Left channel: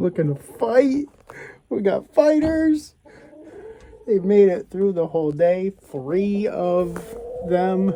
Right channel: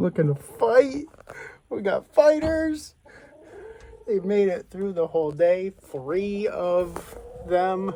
looking to fight. We got fighters. They've made it through the whole day. 3 of them.